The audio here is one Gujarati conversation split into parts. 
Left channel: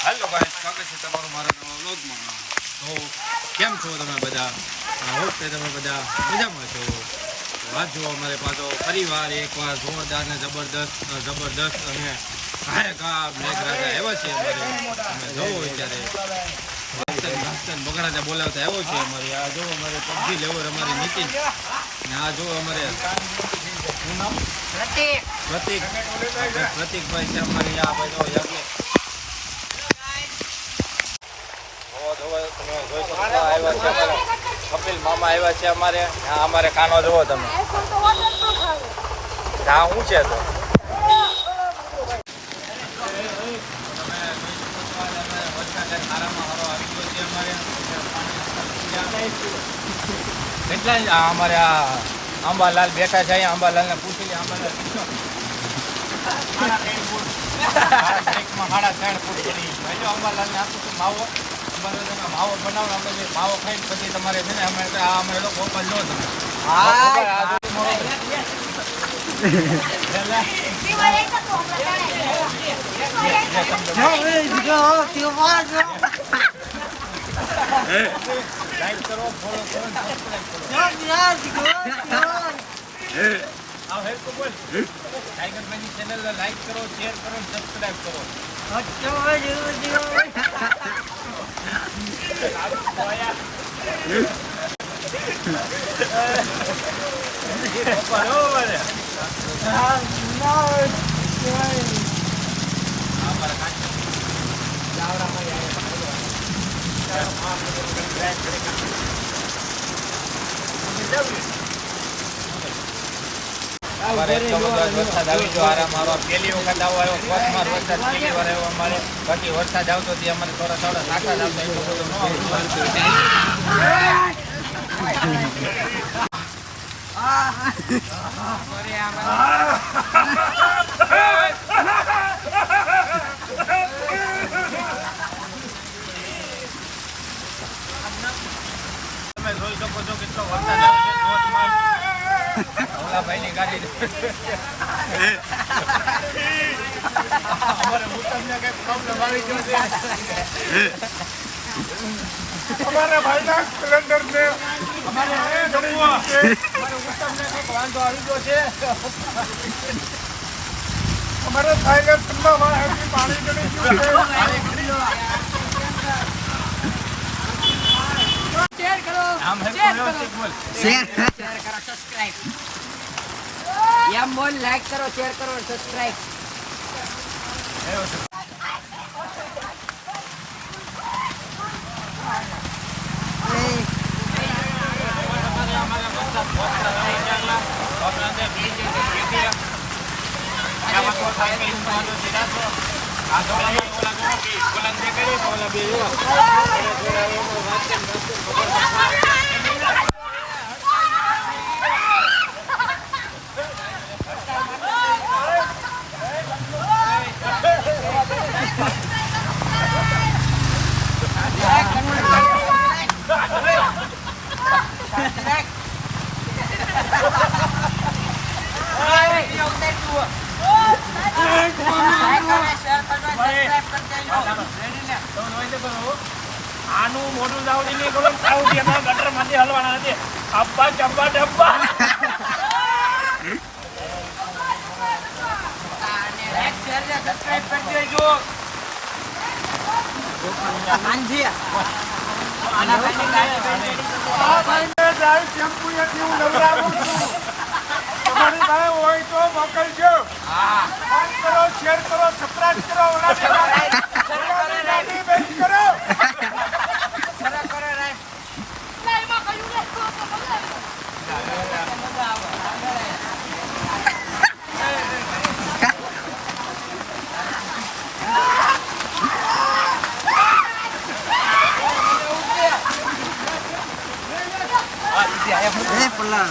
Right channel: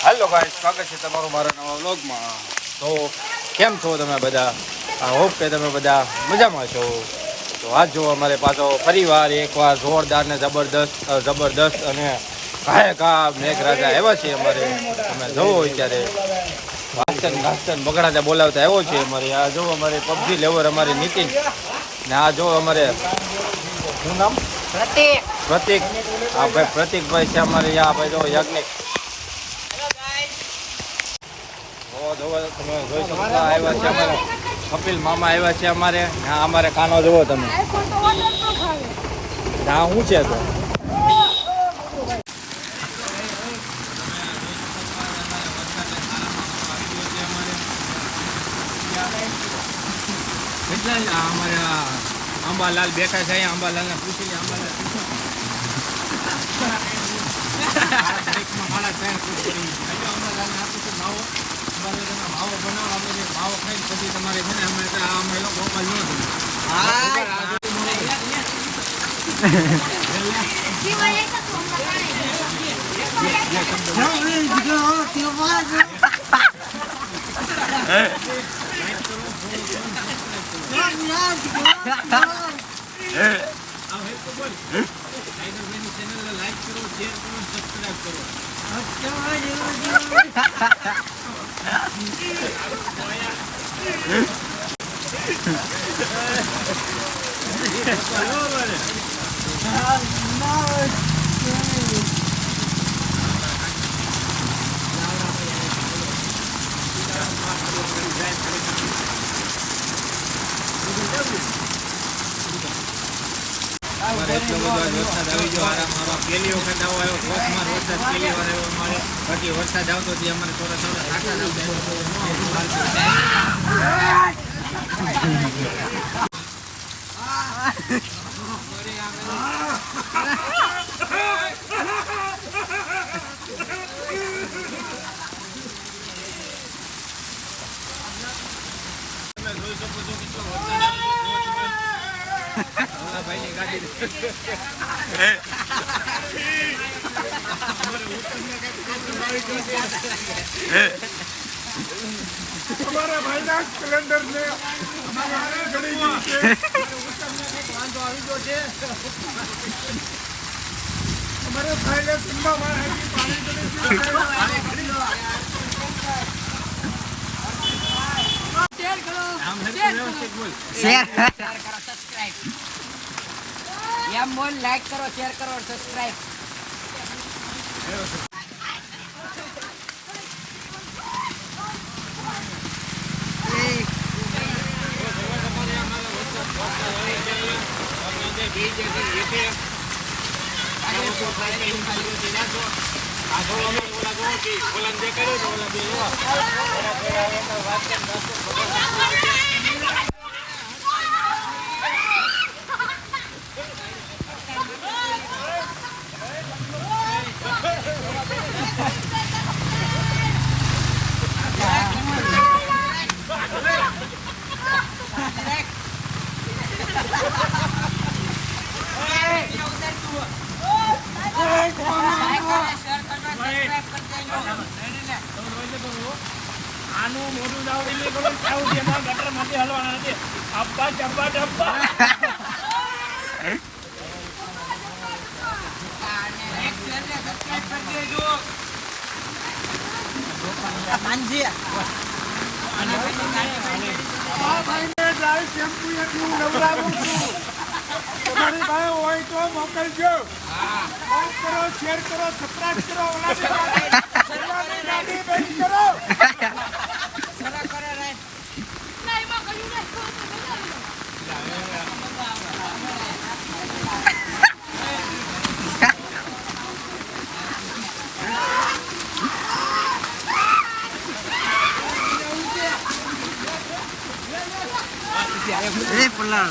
હેલો ગાઈસ, સ્વાગત છે તમારું મારા નવા વ્લોગમાં. તો કેમ છો તમે બધા? આઈ હોપ કે તમે બધા મજામાં છો. તો આજ જો અમારે પાછો ફરીવાર એકવાર જોરદાર ને જબરદસ્ત અને ઘાયકા મેઘરાજા આવ્યા છે અમારે. તમે જોવો અત્યારે વાસ્તન બગડાતા બોલાવતા આવ્યો છે અમારે. આ જો અમારે પબજી લેવર અમારે નીતિન ને આ જો અમારે શું નામ પ્રતિક. હા ભાઈ પ્રતિકભાઈ છે અમારે. આ ભાઈ જો યજ્ઞિક કપિલ મામા આવ્યા છે અમારે. અમારે કાનો જોવો તમે. હા શું છે તો અમારે અંબાલાલ બેઠા છે. અંબાલાલ ને પૂછીને માવો બનાવો. આપણે જે માવો ખાઈને પછી તમારે છે ને અમે ગોપાલ લો તમે. ચેનલને લાઈક કરો, શેર કરો, સબસ્ક્રાઇબ કરો. એટલો બધો વરસાદ આવી ગયો. મારો પહેલી વખત આવ્યો કોચમાં વરસાદ પહેલી વાર આવ્યો અમારે. બાકી વરસાદ આવતો હતી અમારે થોડા સાતા આવતા એટલો બધો ન તમે જોઈ શકો છો કેટલો વરસાદ આવે છે. ભાઈની ગાડી અમારે ઉત્તમને કઈક પ્રોબ્લેમ આવી ગયો છે. અમારા ભાઈના સિલિન્ડર ને અમારે ઉત્તમને કઈક વાંધો આવી ગયો છે. અમારે થાય ઠંડા પાણી ચડી ગયું છે. શેર કરો, સબસ્ક્રાઇબ એમ બોલ. લાઈક કરો, શેર કરો, સબસ્ક્રાઇબ. આનું મોઢું ગટર માંથી હલવાના નથી. અબ્બા ડબ્બા ડબ્બા હોય તો મોકલજો. કરો, શેર કરો, સબસ્ક્રાઇબ કરો. પલ્લા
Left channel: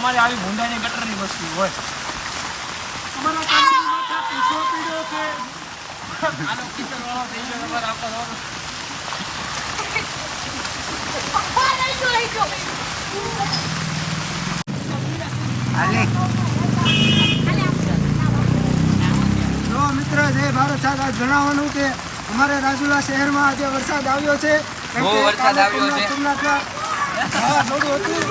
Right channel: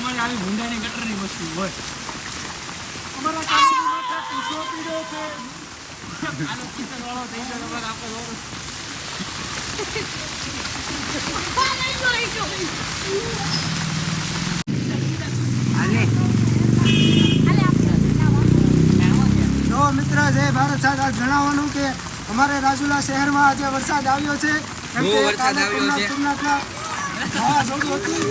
અમારે આવી ભૂંડાની ગટરની વસ્તુ હોય. અમારા કામની માથા પીછો પીડ્યો છે. આનો કિચન વાળો થઈ ગયો તમારે આખો દોડો. જો મિત્ર જય ભારત સાહેબ આજ જણાવવાનું કે અમારે રાજુલા શહેરમાં આજે વરસાદ આવ્યો છે. કેમ કે કાલે સોમનાથમાં વાવાઝોડું હતું,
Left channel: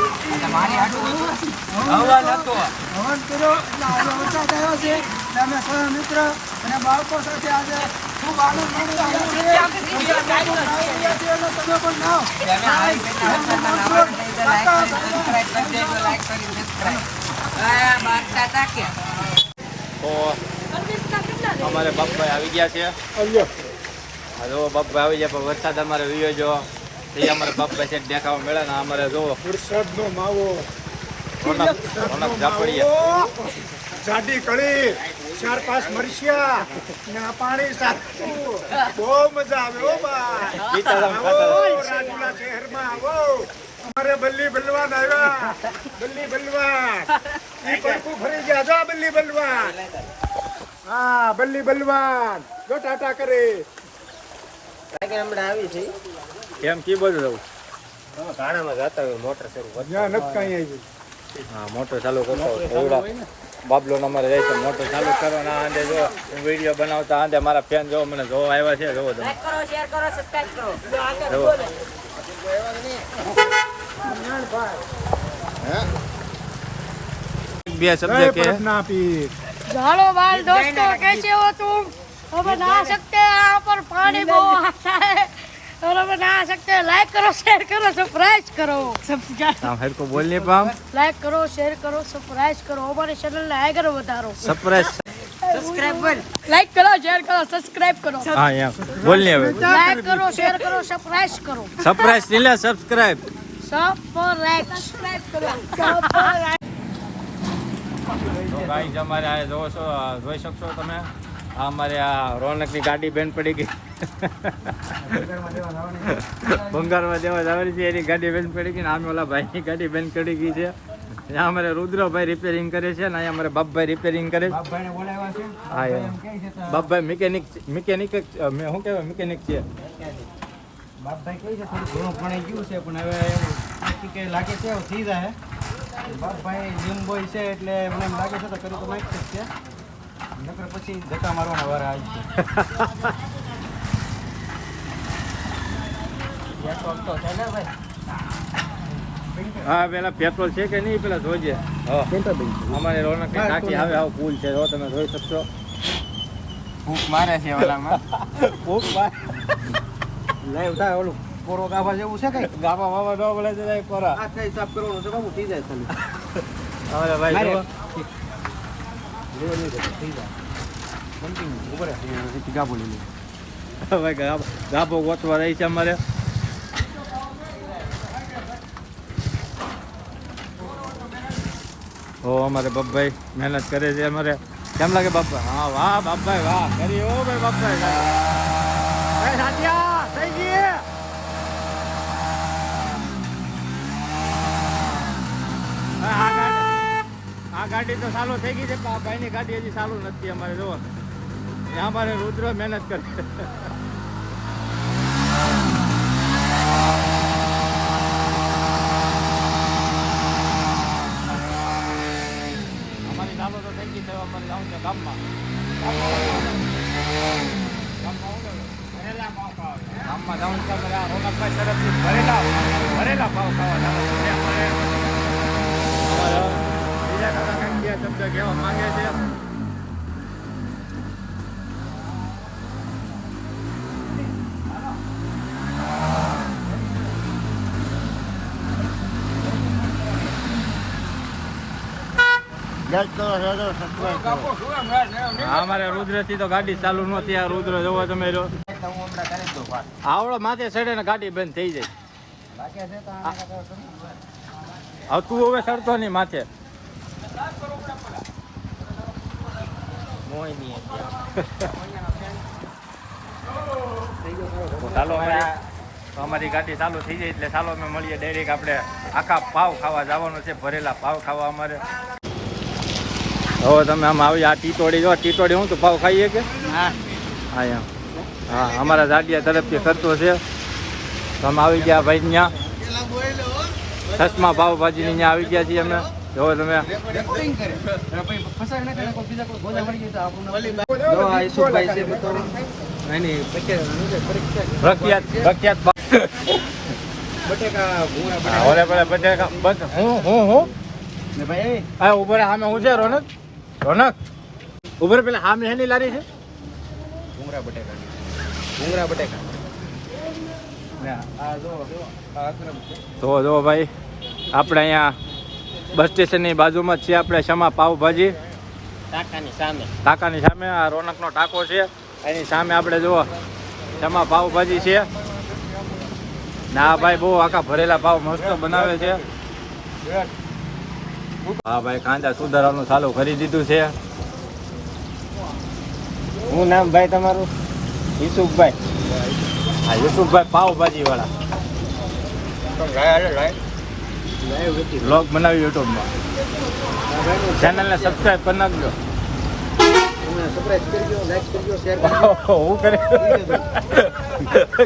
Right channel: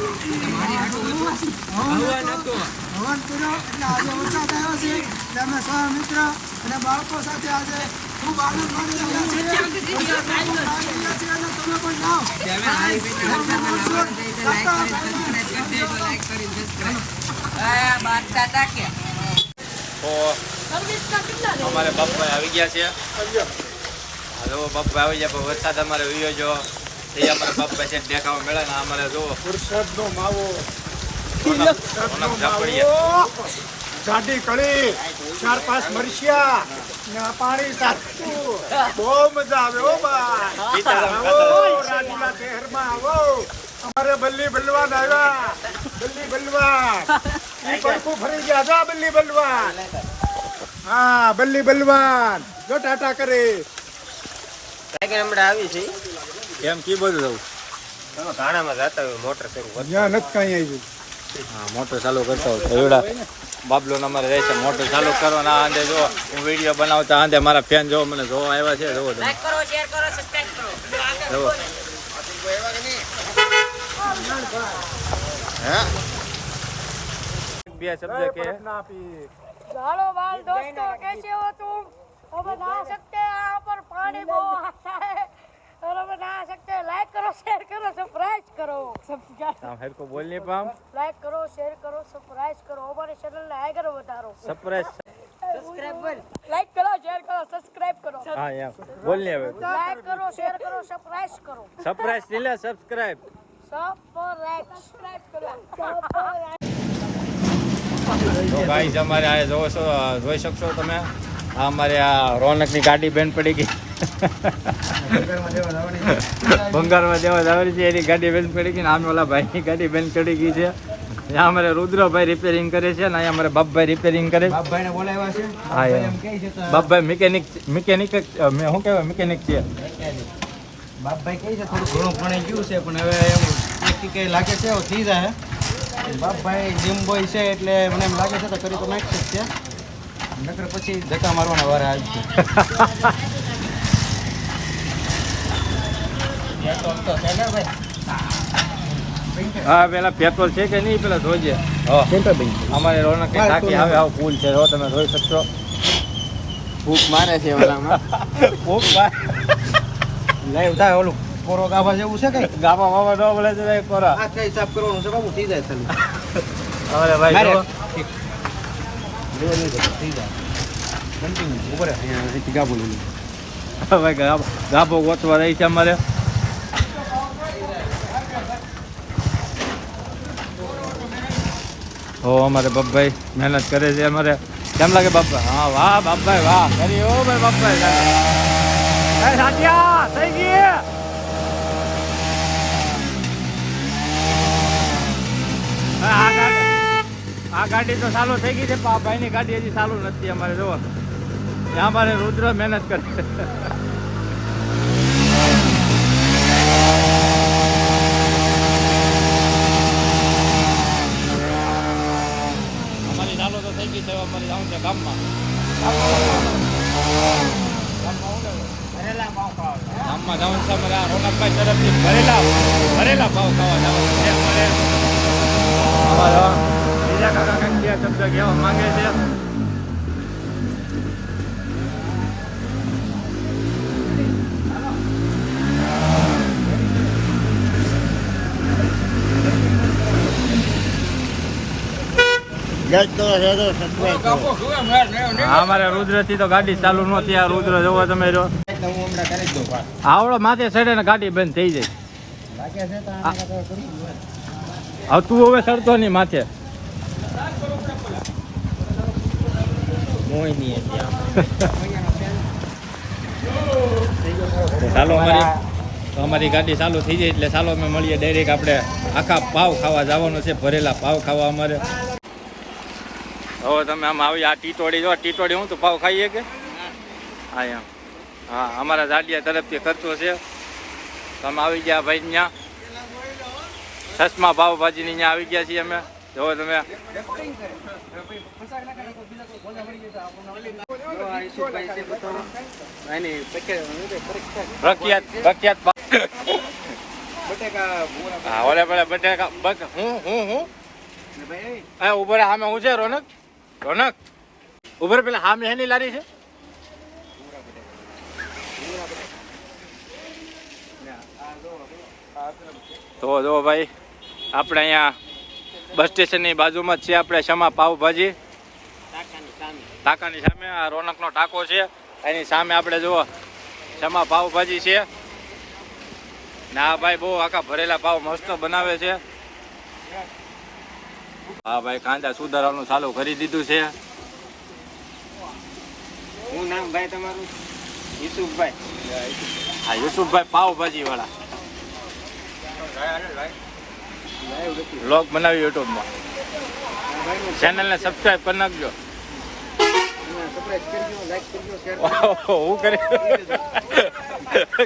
હવન કર્યો એટલે આજે વરસાદ આવ્યો છે. એટલે અમે સૌ મિત્ર અને બાળકો સાથે આજે ખૂબ આનંદ માણી રહ્યા છીએ. વરસાદમાં ખૂબ નાહી રહ્યા છીએ અને તમે પણ નાહો. તો અમારે બાપભાઈ આવી ગયા છે. હા જો બાપભાઈ આવી ગયા, પણ વરસાદ અમારે વિયો જો એ અમારે બાપભાઈ છે દેખાવા મળે ને અમારે જો વરસાદનો માવો, રોનક ઝાપડીએ જાડી કળી, 4-5 મરચિયા ને પાણી સાથે બહુ મજા આવે. ઓ ભાઈ રાજુલા શહેરમાં આવો. અમારે બલ્લી બલવાન આવ્યા. બલ્લી બલવાન ઈ પડકું ફરી ગયા. જા બલ્લી બલવાન. હા બલ્લી બલવાન જો ટાટા કરે. હમણાં આવી છે કેમ કી બધું જવું ઘાણામાં જતા હોય મોટર શરૂ કરતા. ત્યાં નથી કઈ આવ્યું. હા મોટર ચાલુ કરતા એવડા બાબલો અમારે રહે છે. મોટર ચાલુ કરો ને આંધે જો હું વિડીયો બનાવતા આંધે મારા ફેન જો મને જોવા આવ્યા છે. જોવો તમે લાઈક કરો, શેર કરો, સબસ્ક્રાઇબ કરો. જોવો બે શબ્દ કે ના પી हेलो बाल दोस्तों, कैसे हो तुम? हम नहा सकते हैं, यहाँ पर पानी बहुत आता है और हम नहा सकते हैं. लाइक करो, शेयर करो, सब्सक्राइब करो. हम हेड को बोलने पाम लाइक करो, शेयर करो, सब्सक्राइब करो. हमारे चैनल ने आए करो बता रहा हूँ. सरप्राइज સબસ્ક્રાઇબ બોલ. लाइक करो, शेयर करो, सब्सक्राइब करो. हाँ यहाँ बोलने હવે लाइक करो, शेयर करो, सब्सक्राइब करो. સરપ્રાઈઝ નીલા સબસ્ક્રાઇબ सब्सक्राइब करो. તો ગાઈસ અમારે આ જોઈ શકશો તમે આ અમારે આ રોનકની ગાડી બેન પડી ગઈ. ભંગારમાં દેવા જવાની છે એની ગાડી બેન પડી ગઈ ને આમે ઓલા ભાઈની ગાડી બેન પડી ગઈ છે. અહીંયા અમારે રુદ્રભાઈ રિપેરિંગ કરે છે ને અહીંયા અમારે બાપભાઈ રિપેરિંગ કરે છે. બાપભાઈને બોલાવ્યા છે. હા એમ કહે છે તો બાપભાઈ મિકેનિક શું કહેવાય મિકેનિક છે. બાપભાઈ કહે છે થોડું ઘણું ભણાઈ ગયું છે પણ હવે એમ કે લાગે છે એવું થઈ જાય. બાપભાઈ જીમ બોય છે એટલે મને એમ લાગે છે તો કરી તો નાખી છે. નકર પછી ધક્કા મારવાના વાર આવી છે. હા પેલા પેટ્રોલ છે કે નહીં પેલા જોજે. અમારે રોનક ટાંકી આવે આવો પુલ છે જો તમે જોઈ શકશો. ભૂખ મારે છે ઓલામાં. ખૂબ બાર લાઈવ થાય ઓલું કોરો ગાભા જેવું છે કઈ. ગામા મામા ન બોલે છે એક કોરા. આ થઈ સાફ કરવાનું છે બાબુ થઈ જાય તમે. અમારે ભાઈ મારે જો ઠીક. જો નહીં જાય, થઈ જાય. કન્ટિન્યુ ઉપર અહીંથી ગાભો લઈ લે. ભાઈ ગાભો ગોતવા રહી છે અમારે. હો અમારે બાપભાઈ મહેનત કરે છે અમારે. કેમ લાગે બાપા? હા વાહ બાપભાઈ વાહ કરી ઓ ભાઈ બાપભાઈ સાટિયા થઈ ગઈ. આ ગાડી તો ચાલુ થઈ ગઈ છે. ભાઈની ગાડી હજી ચાલુ નથી અમારે. જો અમારે રુદ્ર મહેનત કરે. અમારી ચાલુ તો થઈ ગઈ છે. અમારે જવું છે ગામમાં. ગામમાં જવાનું છે અમારે. આ રોનકભાઈ તરફથી ભરેલા ભાવ ખાવા જવાનું છે અમારે. બીજા કાકા કંઈક બે શબ્દ કહેવા માંગે છે. અમારે રુદ્ર થી તો ગાડી ચાલુ નહોતી. આ રુદ્ર જોવો તમે જો આવડો માથે ચડે ને ગાડી બંધ થઈ જાય. હવે તું હવે ચડતો નહીં માથે. કોઈ નહીં ચાલો અમારી ગાડી ચાલુ થઈ જાય એટલે ચાલો અમે મળીએ ડાયરેક્ટ આપણે આખા પાવ ખાવા જવાનું છે ભરેલા પાવ ખાવા અમારે હવે તમે આમ આવી આ ટીટોડી જો ટીટોડી હું તો પાવ ખાઈએ કે હા એમ હા અમારા જાડિયા તરફથી ખર્ચો છે તમે આવી ગયા ભાઈ ત્યાં ચશ્મા પાવભાજીની ત્યાં આવી ગયા છીએ અમે જો તમે પ્રખ્યાત ઓલે પેલા બટેકા હું હા ઉપર સામે હું છે રોનક ઉપર પેલા સામે હેની લારી છે તો જો ભાઈ આપણે અહીંયા બસ સ્ટેશનની બાજુમાં જ છે આપણે શમા પાવભાજી ટાંકાની સામે આ રોનકનો ટાંકો છે એની સામે આપણે જુઓ શમા પાવભાજી છે ના ભાઈ બહુ આખા ભરેલા પાવ મસ્ત બનાવે છે હા ભાઈ કાંદા સુધારવાનું ચાલુ કરી દીધું છે હું નામ ભાઈ તમારું યુસુફભાઈ હા યુસુફભાઈ પાવભાજી વાળા બ્લોગ બનાવી યુટ્યુબમાં ચેનલને સબસ્ક્રાઈબ કરી નાખજો હું કરી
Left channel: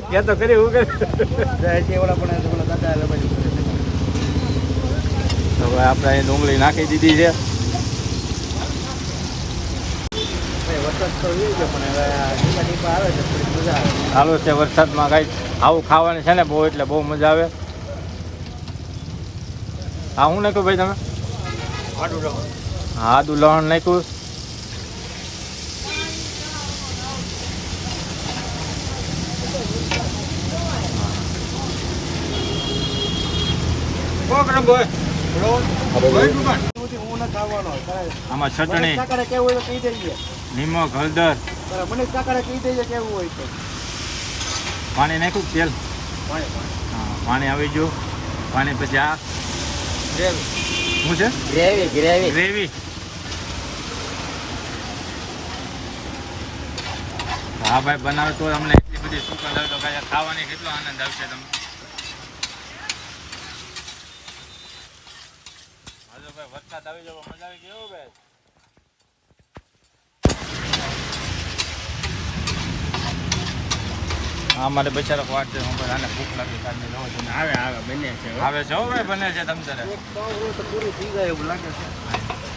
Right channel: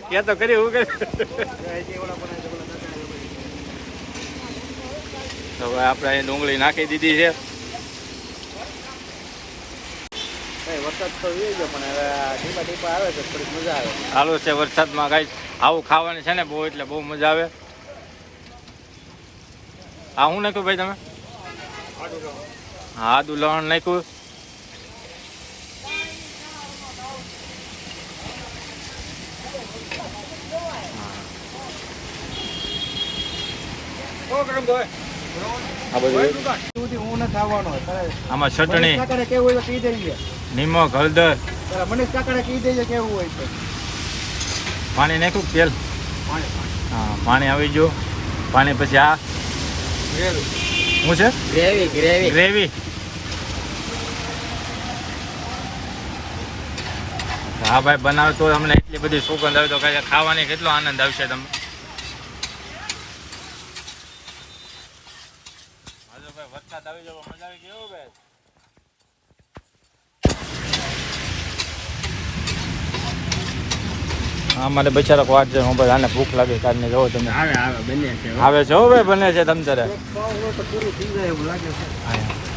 કે તો કરી હું કરી તો ભાઈ આપણે અહીં ડુંગળી નાખી દીધી છે ચાલુ છે વરસાદમાં કઈ આવું ખાવાની છે ને બહુ એટલે બહુ મજા આવે હા હું નાખ્યું ભાઈ તમે હા આદુ લવણ નાખ્યું આમાં ચટણી નિમક હળદર પાણી નાખ્યું તેલ હા પાણી આવી ગયું પાણી પછી આ શું છે ગ્રેવી હા ભાઈ બનાવે તો અમને એટલી બધી સુગંધ આવે તો કઈ ખાવાની કેટલો આનંદ આવશે તમને ભાઈ વરસાદ આવી જવો મજા આવી ગયો ભાઈ હા મારે બચારા વાટ છે હું ભાઈ આને ભૂખ લાગે કારણે જોવો તમે આવે છે હો ભાઈ બને છે તમ તારે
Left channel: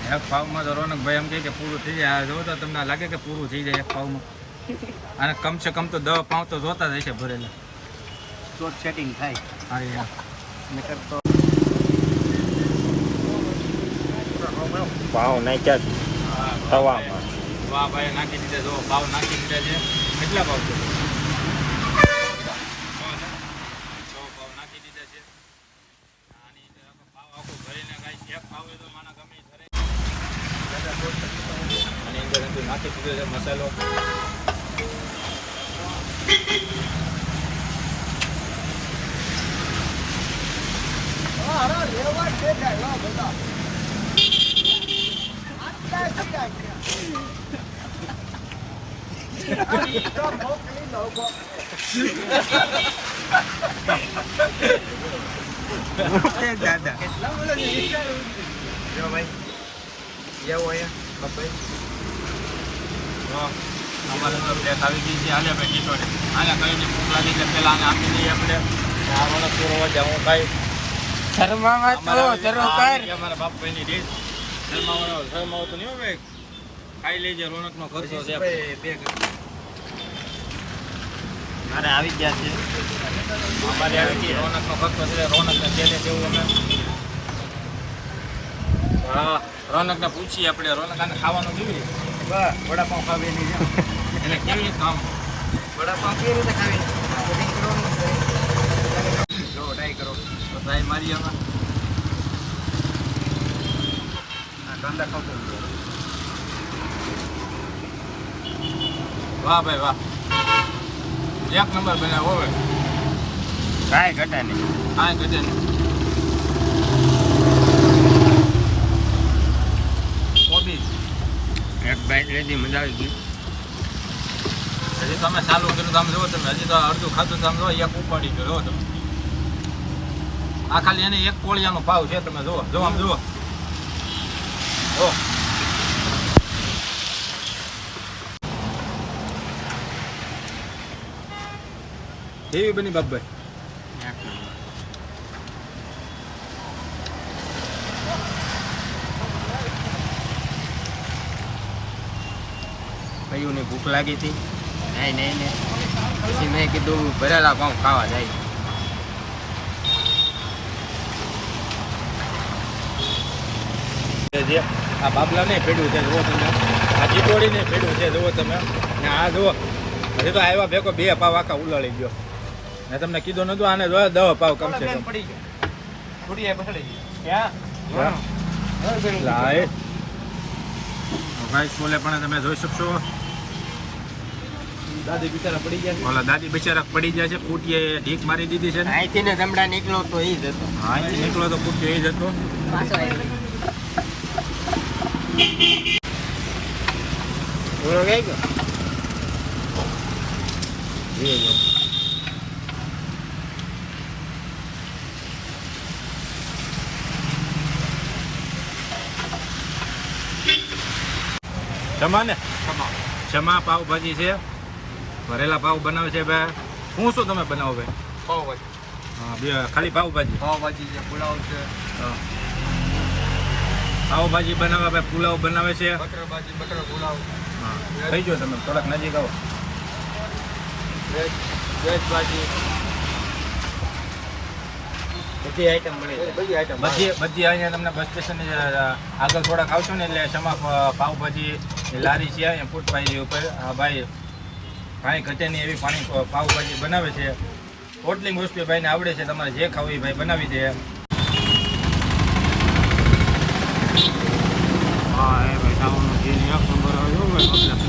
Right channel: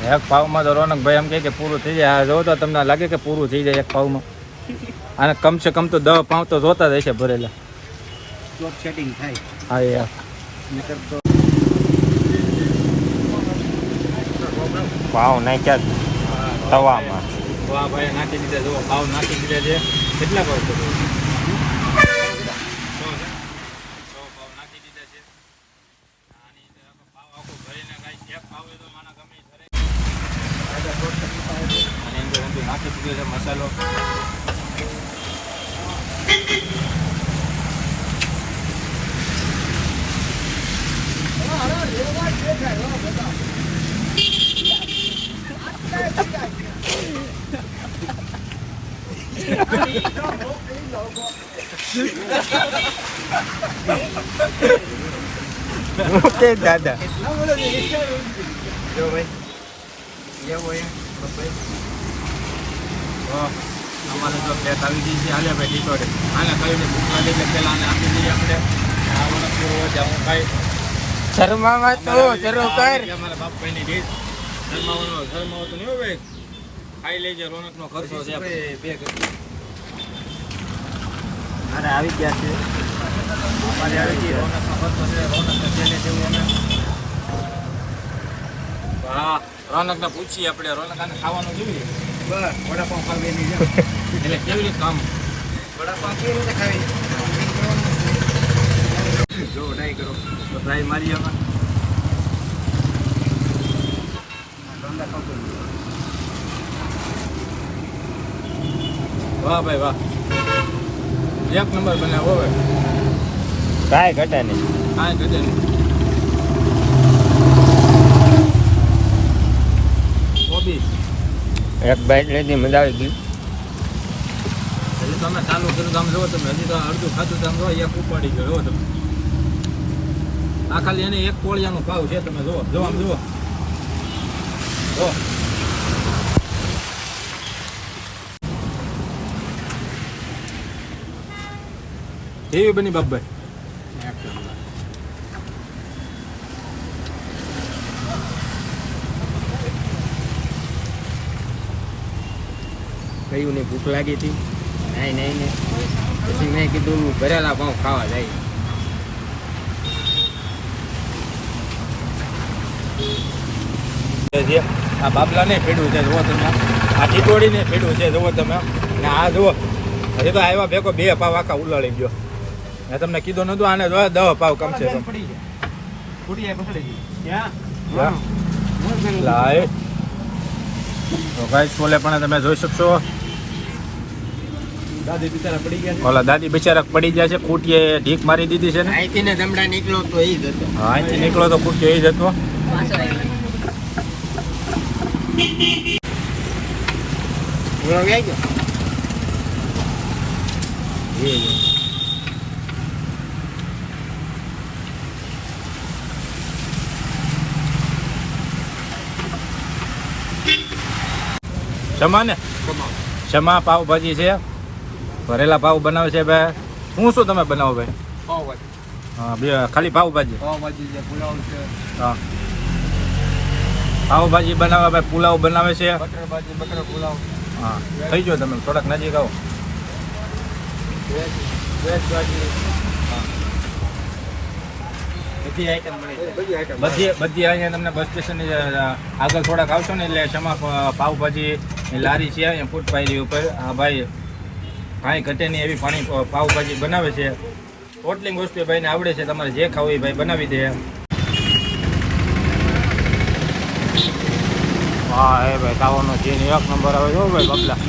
એક પાવમાં તો રોનકભાઈ એમ કે પૂરું થઈ જાય જોવો તો તમને લાગે કે પૂરું થઈ જાય એક પાવમાં અને કમસે કમ તો 10 પાવ તો જોતા જ હશે ભરેલા સેટિંગ થાય હા યાર પાવ નાખ્યા વાહ ભાઈ નાખી દીધા જો પાવ નાખી દીધા છે કેટલા પાવ છે પાવ નાખી દીધા છે આની પાવ આખો ભરીને કાંઈ એક પાવ તો માના ગમે ધરે અને અંદર નાખી દીધો છે મસાલો ઓકે દાદા જો ભાઈ આવો અહીંયા ભાઈ અમારે તો પ્લેટ આવી ગઈ છે હાલે ભાઈ ટીટોડે આને કહીને ભૂખ લાગે એટલે પેલા આને આપી દઈએ આપણે હું ખાઈ શર્મામાં તો જરૂર કર અમારા બાપભાઈની ડીશ શર્માવાનો તો નહીં ભાઈ ખાઈ લેજે રોનકનો ખર્ચો છે અરે આવી ગયા છે અમારે આવી ગઈ રોનકનો ખર્ચો છે રોનકને કેને જેવું અમે હા રોનકને પૂછીએ આપણે રોનક આને ખાવાનું કેવી બસ વડાપાઉં ખાવી એની એટલે કેવી રીતે કામ વડાપાઉં કેવી રીતે ખાવી જો ટ્રાય કરો તો ટ્રાય મારી આમાં વાહ ભાઈ વાહ એક નંબર બનાવો હવે કાંઈ ઘટે નહીં કાંઈ ઘટે નહીં કોબીજ એક બાઈટ લેતી મજા આવી ગઈ. હજી તમે ચાલુ કર્યું તો આમ જુઓ તમે, હજી તો અડધું ખાધું તો આમ જુઓ એક ઉપાડી ગયો જુઓ તમે. આ ખાલી એને એક કોળિયાનો ભાવ છે, તમે જુઓ જુઓ આમ જુઓ જુઓ. કેવી બની બાપભાઈ? કયું ને ભૂખ લાગી હતી નહીં ને પછી મેં કીધું ભરેલા પાઉં ખાવા જાય. જે આ બાબલાને પીડ્યું છે જુઓ તમે, આ ટીટોળીને પીડ્યું છે જુઓ તમે, ને આ જુઓ હજી તો આવ્યા ભેગો 2 પાવ આખા ઉલાળી ગયો. મેં તમને કીધું નતું આને 10 પાવ કમ છે. તો ગાઈસ બોલે પણ તમે જોઈ શકશો ઓલા દાદી બિચારા પડી જાય છે, કુટીએ ઢીક મારી દીધી છે ને. અહીંથી ને ધમડા નીકળો તો એ જ હતો. હા, અહીંથી નીકળો તો કુટીએ એ જ હતો. પૂરો વ્યાઈ ગયો. ક્ષમા ને ક્ષમા પાવભાજી છે, ભરેલા પાવ બનાવે છે ભાઈ. શું તમે બનાવો ભાઈ? પાવભાજી. હા, બે ખાલી પાવભાજી. પાવભાજી છે, પુલાવ છે. હા, પાવભાજી બનાવે ભાઈ, પુલાવ બનાવે છે. બટર ભાજી, બટર પુલાવ. હા, થઈ ગયો તમે થોડાક નજીક આવો. વેજ ભાજી. બધી આઈટમ મળે. બધી આઈટમ. બધી અહીંયા તમને બસ સ્ટેશન આગળ થોડાક આવશો ને એટલે ક્ષમા પાવભાજી ની લારી છે અહીંયા ફૂટપાથની ઉપર. હા ભાઈ, કાંઈ ઘટે નહીં એવી પાવભાજી બનાવે છે. ટોટલિંગ વસ્તુ ભાઈને આવડે છે, તમારે જે ખાવું એ ભાઈ બનાવી દે. હા એ ભાઈ, તાવાનો જીન 1 નંબર આવે જો ભાઈ બબલા.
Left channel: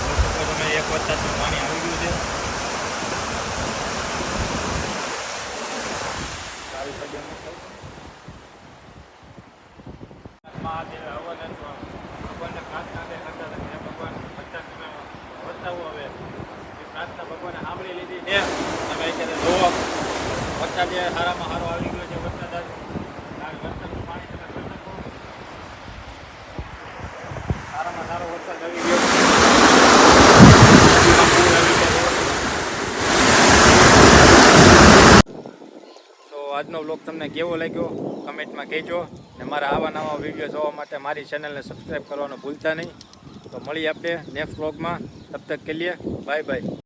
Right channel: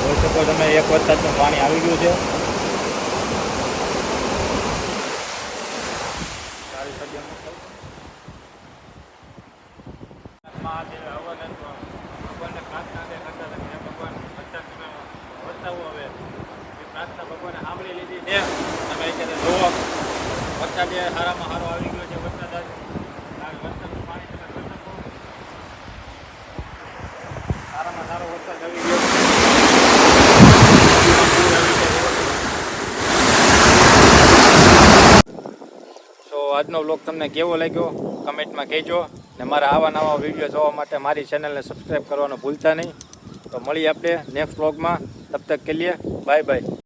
જોઈ શકો તમે 1 વરસાદનું પાણી આવી ગયું છે. ભગવાને સાંભળી લીધી છે. તમે અત્યારે જુઓ વરસાદ સારામાં સારો આવી ગયો છે. વરસાદનું પાણી તમે જોઈ શકો. સારામાં સારો વરસાદ આવી ગયો. સો આજનો વ્લોગ તમને કેવો લાગ્યો કમેન્ટમાં કહેજો, ને મારા આવા નવા વિડીયો જોવા માટે મારી ચેનલને સબસ્ક્રાઈબ કરવાનું ભૂલતા નહીં. તો મળીએ આપણે નેક્સ્ટ વ્લોગમાં. તબ તક કે લીએ બાય બાય.